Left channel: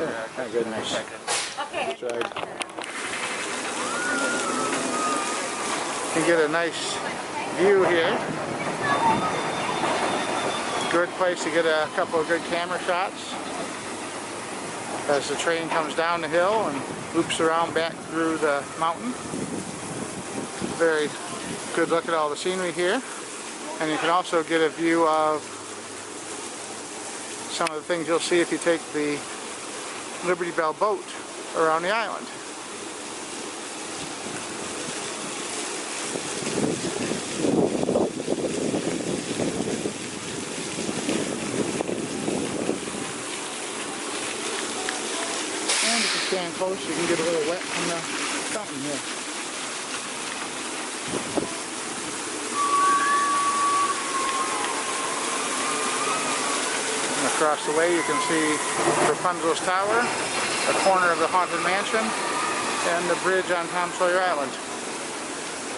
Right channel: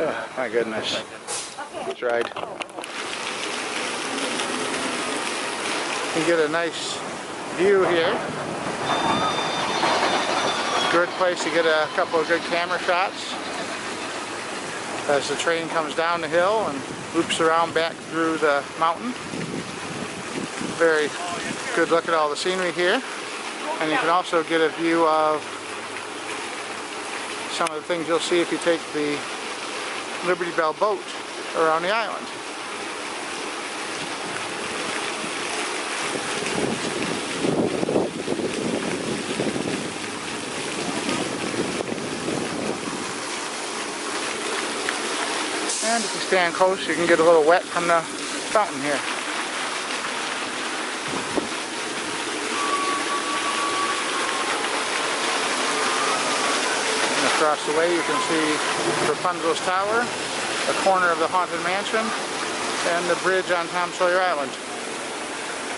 Oh, my goodness. That's right. You get a nice view here. Good place to get a couple of good camera shots as the train comes down the hill and loops around back through the mountain. Very good look at all the scenery here. And you can also get a view of some of the things you'll see if you take the Liberty Bell boat around the island. And if you stand close, you can get a little wet from the fountain here. And across the way you can see Rapunzel's Tower, a corner of the Haunted Mansion, and the bridge on Tom Sawyer Island.